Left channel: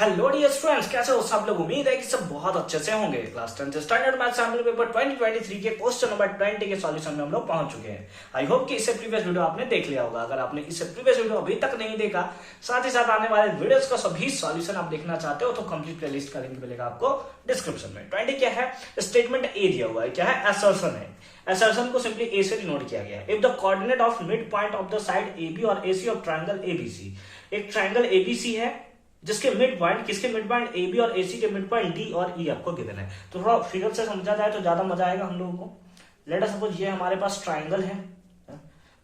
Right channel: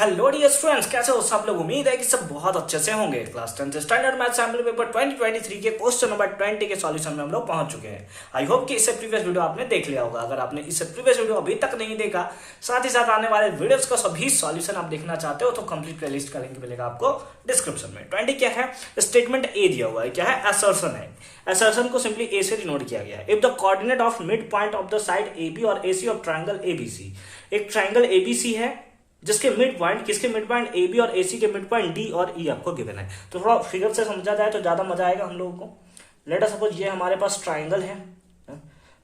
Hello dear students, कैसे हो सब लोग। उम्मीद है कि सब बहुत अच्छे से होंगे। Class 10 standard math sample paper 2023 के क्वेश्चन नंबर 20 के सॉल्यूशन में हम लोग पहुंच चुके हैं। आई होप कि इससे प्रीवियस वीडियो आपने देख लिया होगा। अगर आपने इससे प्रीवियस वीडियो अभी तक नहीं देखा, साथ ही साथ आने वाले वीडियोस का सभी सॉल्यूशन आप देखना चाहते हो तो कंप्लीट प्लेलिस्ट का लिंक मिलेगा आपको डिस्क्रिप्शन में। 20 क्या है, स्टेटमेंट ए दिया हुआ है, क्या है, असर्शन है। असर्शन को सिंपली ए से डिनोट किया गया है। If the coordinate of mid point of the side A B और A C of triangle ABC, एक ट्राइंगल एबीसी है जिसके मिड पॉइंट, किसके मिड पॉइंट ए बी और ए सी के मिड पॉइंट डी और ई आपको गिवन है। तो थोड़ा फिगर से समझा जाए तो ज्यादा मजा आएगा हम लोगों को। लेट अस सपोज ये हमारे पास ट्राइंगल है,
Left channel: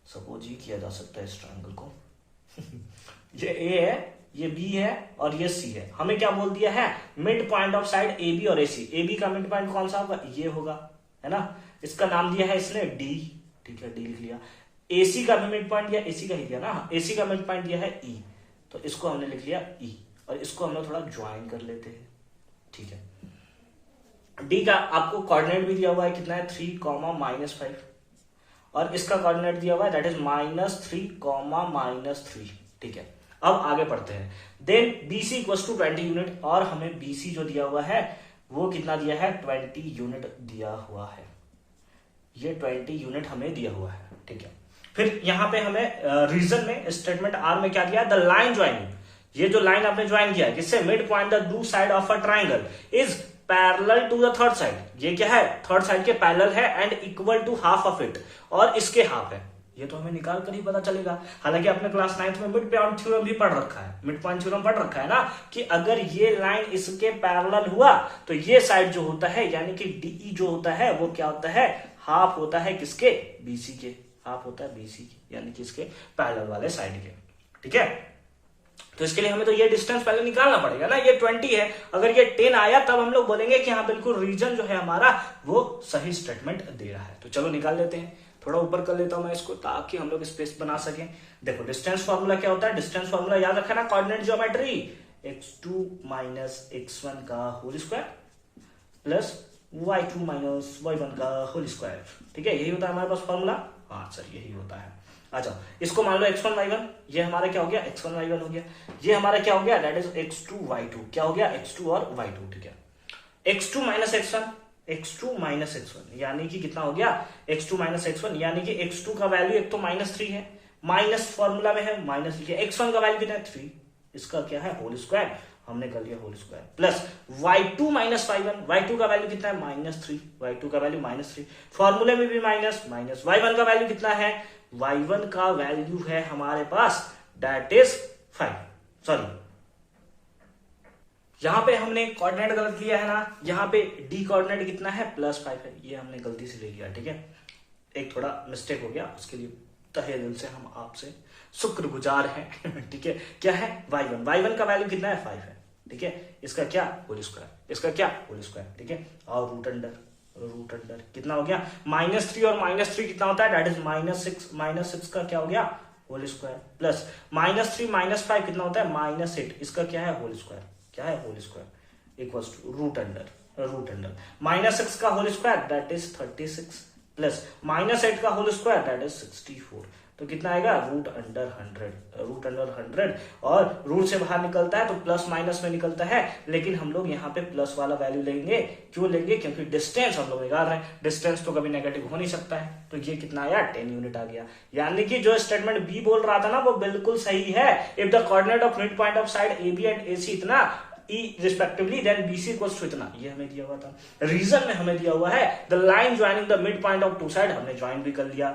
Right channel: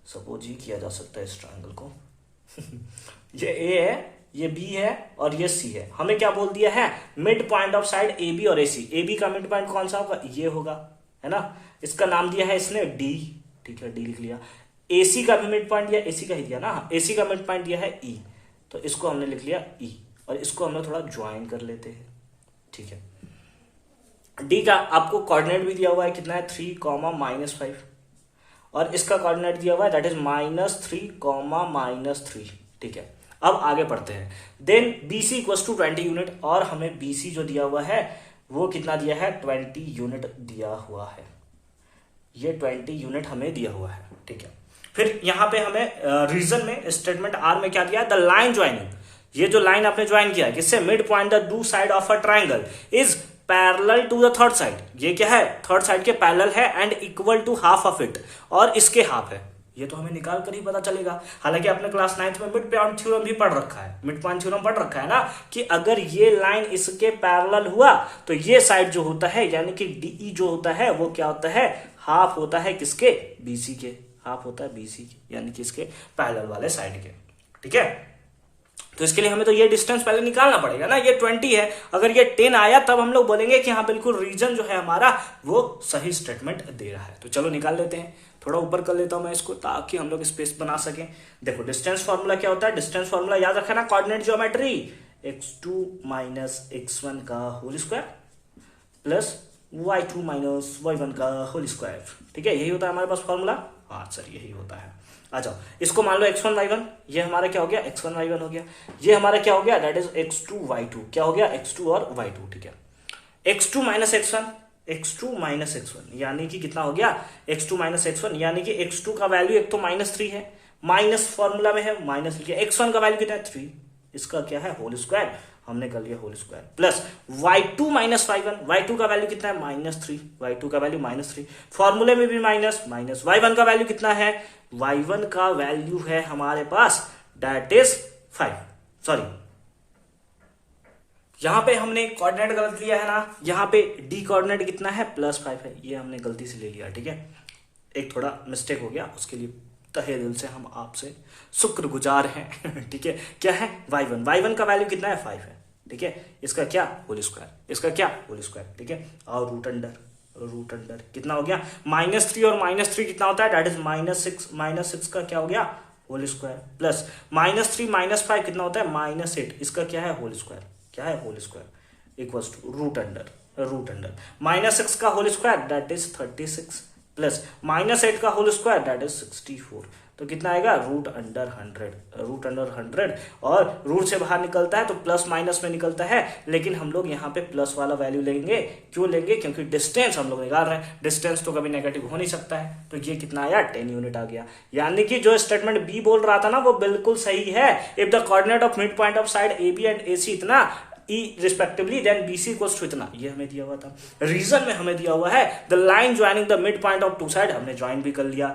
सपोज ये किया जा सकता है इस ट्राइंगल को ये ए है, ये बी है और ये सी है। हमें क्या बोल दिया है, mid point of side A B और ए सी। ए बी का मिड पॉइंट कौन सा होगा, ये होगा, है ना। इसका नाम दिया है इसने डी, ठीक है, डी लिख लिया। एसी का भी मिड पॉइंट दिया, एसी का ही दिया ना, एसी का मिड पॉइंट दिया है ई, तो इसको हमने लिख लिया ई और इसको हमने थोड़ा ज्वाइन कर लेते हैं, ठीक है। डी का आपको कोऑर्डिनेट भी दिया हुआ है, कितना है, 3, -5 और इसका कोऑर्डिनेट दिया हुआ है दैट इज -3, -3, ठीक है। अब आगे पढ़ते हैं। Then BC equals to 20 unit और हमें BC जो दिया हुआ है वो कितना दिया है, 20 यूनिट दिया हुआ है। ये 20 यूनिट हमें दिया हुआ है, ठीक है। फिर यहां पे हमें रीजन में स्टेटमेंट आर में क्या दिया है, द लाइन ज्वाइनिंग, ये जो लाइन आपने ज्वाइन किया है किससे, mid point the two side of a triangle is parallel to the third side. ये क्या है, थर्ड साइड के पैरेलल है and equal to half of it, और इसके हाफ है। ये तो हमें निकाल कर ही पता चलेगा। हालांकि आपने क्लास 9th में मिड पॉइंट थ्योरम भी पढ़ रखा है, मिड पॉइंट थ्योरम पढ़ रखा है ना, कि अगर ये लाइन इसके पैरेलल हुआ तो ये साइड जो होता है यानी कि डीई जो होता है वो क्या होता है, हाफ होता है किसके, बीसी के, हाफ होता है बीसी के, यानी कि इसके पैरेलल वाले साइड के, ठीक है। तो इसके लिए हमें तो ये डिस्टेंस पहले निकालना पड़ेगा ना। ये 20 है, अगर ये 10 आया तब हम लोग बोलेंगे कि हाँ बिल्कुल रीजन जो है हमारा वो सही स्टेटमेंट दे रहा है। तो चलो निकाल लेते हैं। थोड़ा ऊपर कर लेता हूं मैं इसको ताकि हम लोग स्पेस बना सकें। देखो डिस्टेंस फॉर्मूला क्या होता है, डिस्टेंस फॉर्मूला याद रखा ना, कोऑर्डिनेट ज्योमेट्री, x2 - x1 का whole square plus y2 - y1 का होल स्क्वायर, ठीक है। यही होता है हमारे पास फॉर्मूला, हाँ सर यही होता है। आ जाओ, इसको मान लो x1 y1, ये हमारा क्या हो गया, x1 y1 हो गया। ये हमारा क्या हो गया, दैट इज x2 y2, क्या हो गया, x2 और y2, ठीक है। x2 - x1 यानी कि कितना हो गया, x2 - x1 यानी कि x2 का वैल्यू एक तो -3 है, माइनस फॉर्मूला में है, माइनस लिखिए। x1 का वैल्यू कितना है, 3, इसका क्या है, होल स्क्वायर, हमने कर लिया whole square, plus y2 - y1, y2 का वैल्यू कितना है, -3, y2 का वैल्यू -3, फॉर्मूले में भी माइनस, y1 का वैल्यू कितना है, y1 का वैल्यू है हमारे पास दैट इज 5, सॉरी यहां पे हमने कोऑर्डिनेट गलत लिया है ना, यहां पे डी कोऑर्डिनेट कितना है, +5 है, ये हमने गलती से ले लिया, ठीक है। एक थोड़ा मिस्टेक हो गया, उसके लिए तहे दिल से हम आपसे शुक्रगुजार हैं ठीक है। क्या है, y1 का वैल्यू कितना है, 5 है, ठीक है। इसका क्या, होल स्क्वायर, इसका क्या, होल स्क्वायर, ठीक है। और रूट अंडर कितना हो गया, -3 और -3 कितना होता है, दैट इज -6 का क्या हो गया, होल स्क्वायर, प्लस -3 - 5 कितना होता है, -8, इसका क्या है, होल स्क्वायर, क्या है, whole square, equals to root under -6 का whole square that is 36 plus -8 का होल स्क्वायर दैट इज 64, तो कितना आएगा, रूट अंडर 100 और रूट से बाहर निकलता है तो प्लस माइनस में निकलता है, लेकिन हम लोग यहाँ पे प्लस वाला वैल्यू लेंगे। क्यों लेंगे, क्योंकि डिस्टेंस हम लोग निकाल रहे हैं, डिस्टेंस तो कभी नेगेटिव हो नहीं सकता है। तो ये कितना आया, 10 यूनिट आ गया। यानी कि जो स्टेटमेंट बी बोल रहा था ना वो बिल्कुल सही है। If the coordinate of mid point of side A B and A C इतना E respectively then BC equals to इतना, ये हमें दिया हुआ था। रीजन में हमें दिया हुआ है the line joining the mid point of two side, हमने ज्वाइन भी कर लिया।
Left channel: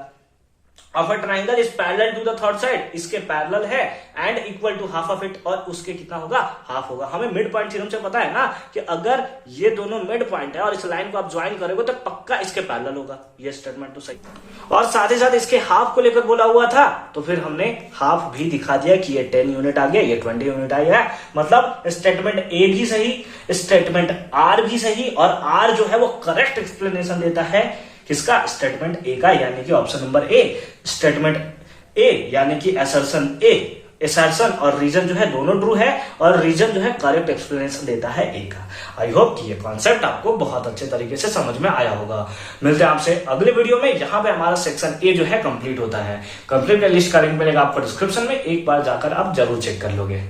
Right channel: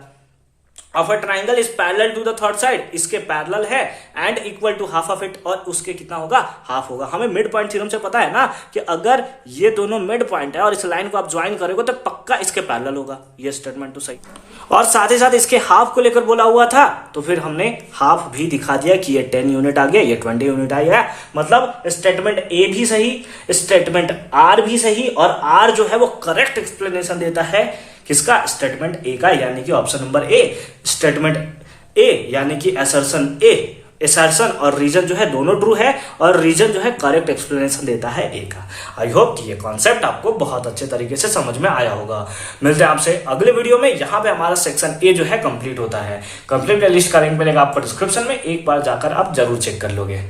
Of a triangle is parallel to the third side, इसके पैरेलल है and equal to half of it, और उसके कितना होगा, हाफ होगा। हमें मिड पॉइंट थ्योरम से पता है ना कि अगर ये दोनों मिड पॉइंट है और इस लाइन को आप ज्वाइन करोगे तो पक्का इसके पैरेलल होगा। ये स्टेटमेंट तो सही, और साथ ही साथ इसके हाफ को लेकर बोला हुआ था, तो फिर हमने हाफ भी दिखा दिया कि ये 10 यूनिट आ गया, ये 20 यूनिट आ गया। मतलब स्टेटमेंट ए भी सही, स्टेटमेंट आर भी सही, और आर जो है वो करेक्ट एक्सप्लेनेशन देता है किसका, स्टेटमेंट ए का, यानी कि option number A, statement A यानी कि असर्शन ए, असर्शन और रीजन जो है दोनों ट्रू है, और रीजन जो है करेक्ट एक्सप्लेनेशन देता है ए का। आई होप कि ये कॉन्सेप्ट आपको बहुत अच्छे तरीके से समझ में आया होगा। मिलते हैं आपसे अगले वीडियो में। यहाँ पे हमारा सेक्शन ए जो है कंप्लीट होता है। कंप्लीट लिस्ट का लिंक मिलेगा आपको डिस्क्रिप्शन में, एक बार जाकर आप जरूर चेक कर लोगे।